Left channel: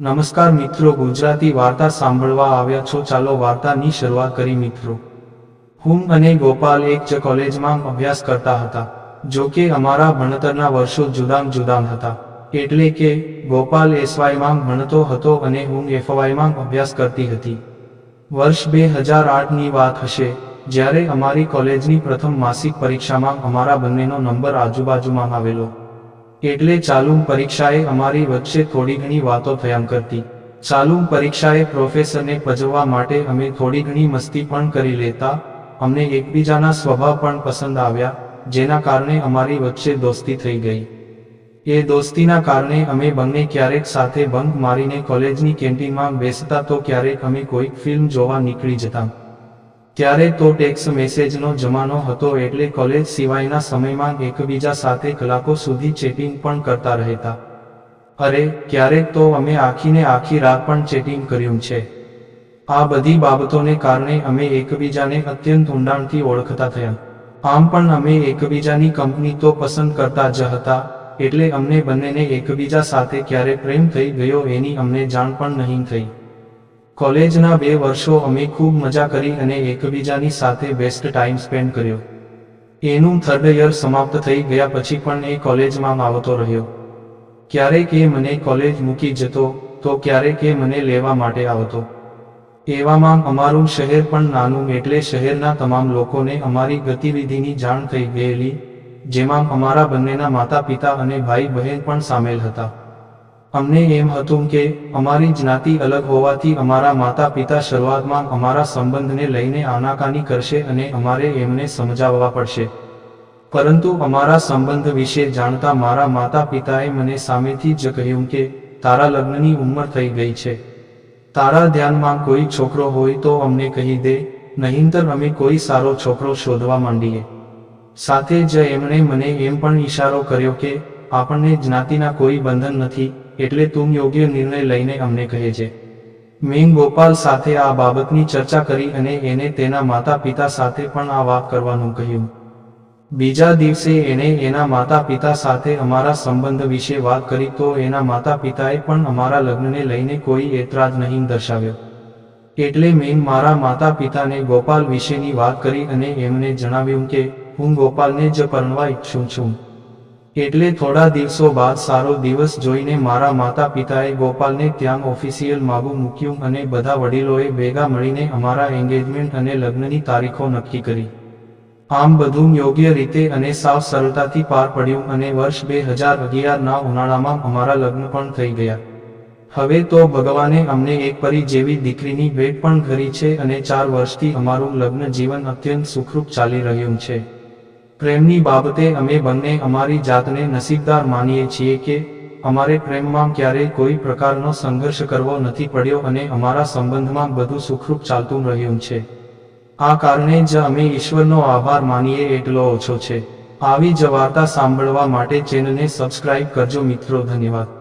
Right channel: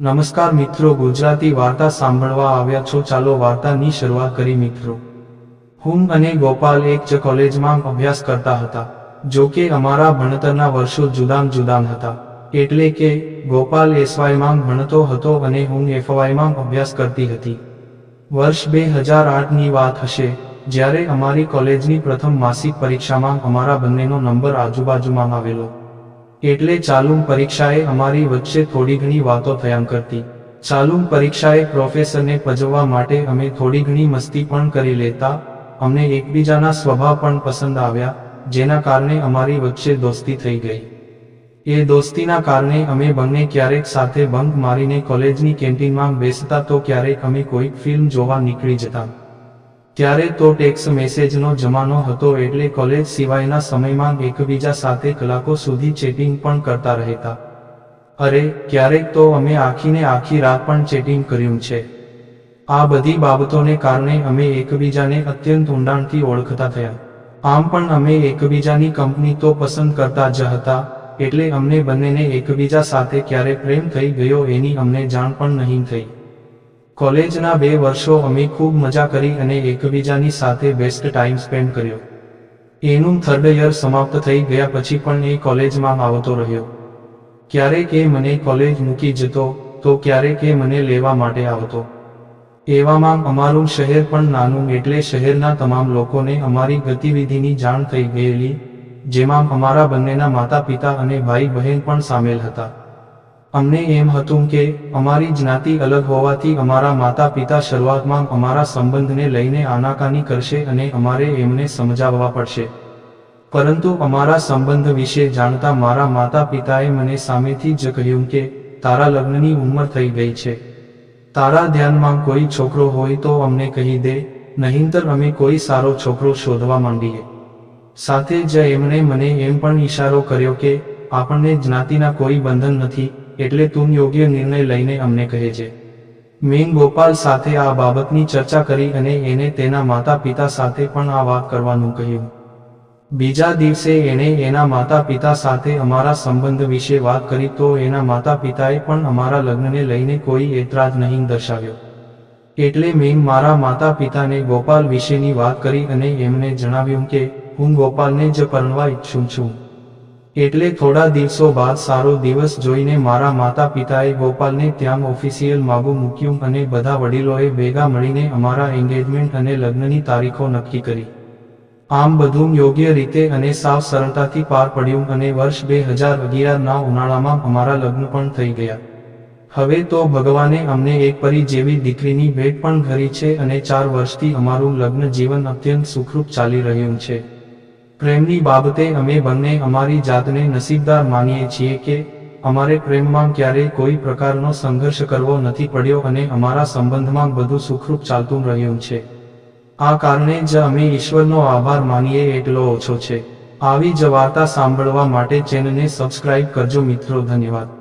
નમસ્કાર મિત્રો, ગુજરાતી વાર્તા સાંભળવા આવ્યા છો. ચાલો વાર્તાની શરૂઆત કરી મિત્રો. હું અને ગોપાલ એક જ કોલેજમાં અભ્યાસ કરતા હતા, જો કે અમારા ભણતરના વર્ષો જુદામ જુદામ હતા. એટલે કે, ગોપાલ એસવાયમાં ભણતો હતો અને હું એફવાયમાં અભ્યાસ કરતી હતી. વર્ષ બે હજાર આઠની વાત હશે, જ્યારે અમારી કોલેજની પ્રથમ માસિક પરીક્ષામાં અમારા બંનેનો નંબર આજુબાજુમાં આવેલો. એટલે ચાલુમ પરીક્ષાએ અમારી વચ્ચે થોડી ઘણી વાતો થયા કરતી ચાલુમ પરીક્ષાએ પ્રોફેસરને પજવવા માટે અમે થોડી ઘણી મસ્તી પણ કરી લેતા, અમને એકબીજાના સ્વભાવ પણ પસંદ આવ્યા, જેના કારણે અમારી વચ્ચે દોસ્તી થઈ ગઈ. એ દોસ્તીના કારણે અમે બંને ક્યારેક સાથે બંક મારીને કોલેજની કેન્ટીનમાં બેસતા તો ક્યારેક અમે કોઈક ફિલ્મ જોવા નીકળી જતા. ત્યારે તો ટેક્સ મેસેજનો જમાનો હતો એટલે કોલેજ સિવાયના સમયમાં એકબીજા સાથે કલાકો સુધી ચેટિંગ પણ કરતા રહેતા. અરે, ક્યારેક તો અમે આખીને આખી રાત પણ ચેટિંગ કર્યું છે. આ બધી બાબતોને કારણે અમે એકબીજાને અત્યંત ઊંડાણથી ઓળખતા થયા. આમ પણ અમે એકબીજાની કંપની તો પસંદ કરતા જ હતા, એટલે અમને બંનેને એકબીજા સાથે ક્યારે પ્રેમ થઈ ગયો એની અમને જાણ પણ નહીં થઈ. કોલેજના બે વર્ષો અમે ખૂબ મજા કરી અને એકબીજાની સાથે બેસ્ટ ટાઈમ સ્પેન્ડ કર્યો. એનું થર્ડ યર સમાપ્ત થઈ ગયા પછી પણ એ કોલેજમાં આવતો રહ્યો. ક્યારેક એ મને કોલેજ મૂકી જતો, તો ક્યારેક એ મને લેવા માટે આવતો. એવામાં અમારું શહેર પણ નાનું એટલે શહેરના તમામ લોકોને અમારી ગતિવિધિની જાણ થઈ ગયેલી, જેમાં અમારા બંનેના માતા પિતા અને ભાઈ બહેન પણ સામેલ હતા. અમને એમ હતું કે, અમારી જ્ઞાતિ અલગ હોવાથી અમારા માતા પિતા શરૂઆતમાં અમારા સંબંધને લઈને આનાકાની કરશે અને અમારે એમને સમજાવવા પડશે. પરંતુ અમારા સંબંધ વિશે જાણતા મારા માતા પિતાએ મને સામેથી જ કહ્યું કે, તારા લગ્નની ઉંમર થઈ ગઈ છે. તારા ધ્યાનમાં કોઈ છોકરો હોય તો અમને કહી દે, નહીંતર અમે કોઈ સારો છોકરો શોધવા માંડીએ. સાથે જ એમણે મને એમ પણ ઈશારો કર્યો કે, આપણને જ્ઞાતિના કોઈ બંધન નથી એટલે તું યોગ્ય નિર્ણય લઈને અમને કહે છે. મેં ગોપાલ સાથે આ બાબતની ચર્ચા કરી અને એને તેના માતા પિતા સાથે પણ આ વાત કરવાનું કહ્યું. બીજા દિવસે એણે એના માતા પિતા સાથે અમારા સંબંધ વિશે વાત કરી તો એના માતા પિતાએ પણ અમારા લગ્નને લઈને કોઈ એતરાજ નહીં દર્શાવ્યો. એટલે મેં મારા માતા પિતાને ગોપાલ વિશેની વાત કરી અને એમને જણાવ્યું કે, હું ગોપાલને જ પરણવા ઈચ્છું છું. એટલે થોડા દિવસો બાદ સારો દિવસ જોઈને મારા માતા પિતાએ ગોપાલને ત્યાં ઓફિસિયલ માગું મૂક્યું અને બધા વડીલોએ ભેગા મળીને અમારા એન્ગેજમેન્ટ અને લગ્નની તારીખો નક્કી કરી. આમ બધું યોગ્ય રીતે અને સાવ સરળતાથી પાર પડ્યું અને વર્ષ બે હજાર અગિયારના ઉનાળામાં અમારા લગ્ન પણ થઈ ગયા. હવે તો ભગવાને અમને એક પરી જેવી દીકરીની ભેટ પણ કરી છે અને ચાર વર્ષથી અમારું લગ્ન જીવન અત્યંત સુખરૂપ ચાલી રહ્યું છે. પ્રેમની બાબતે અમે બંને અમારી જાતને નસીબદાર માનીએ છીએ કે, અમારે પ્રેમમાં ક્યારેય કોઈ પ્રકારનો સંઘર્ષ કરવો નથી પડ્યો અને અમારા સંબંધમાં બધું સુખરૂપ ચાલતું રહ્યું છે. આ કારણે જ અમે ઈશ્વરનો આભાર માનીએ એટલો ઓછો છે. આવી જ વાર્તા સાંભળવા માટે ચેનલને સબસ્ક્રાઇબ કરજો મિત્રો, ધન્યવાદ.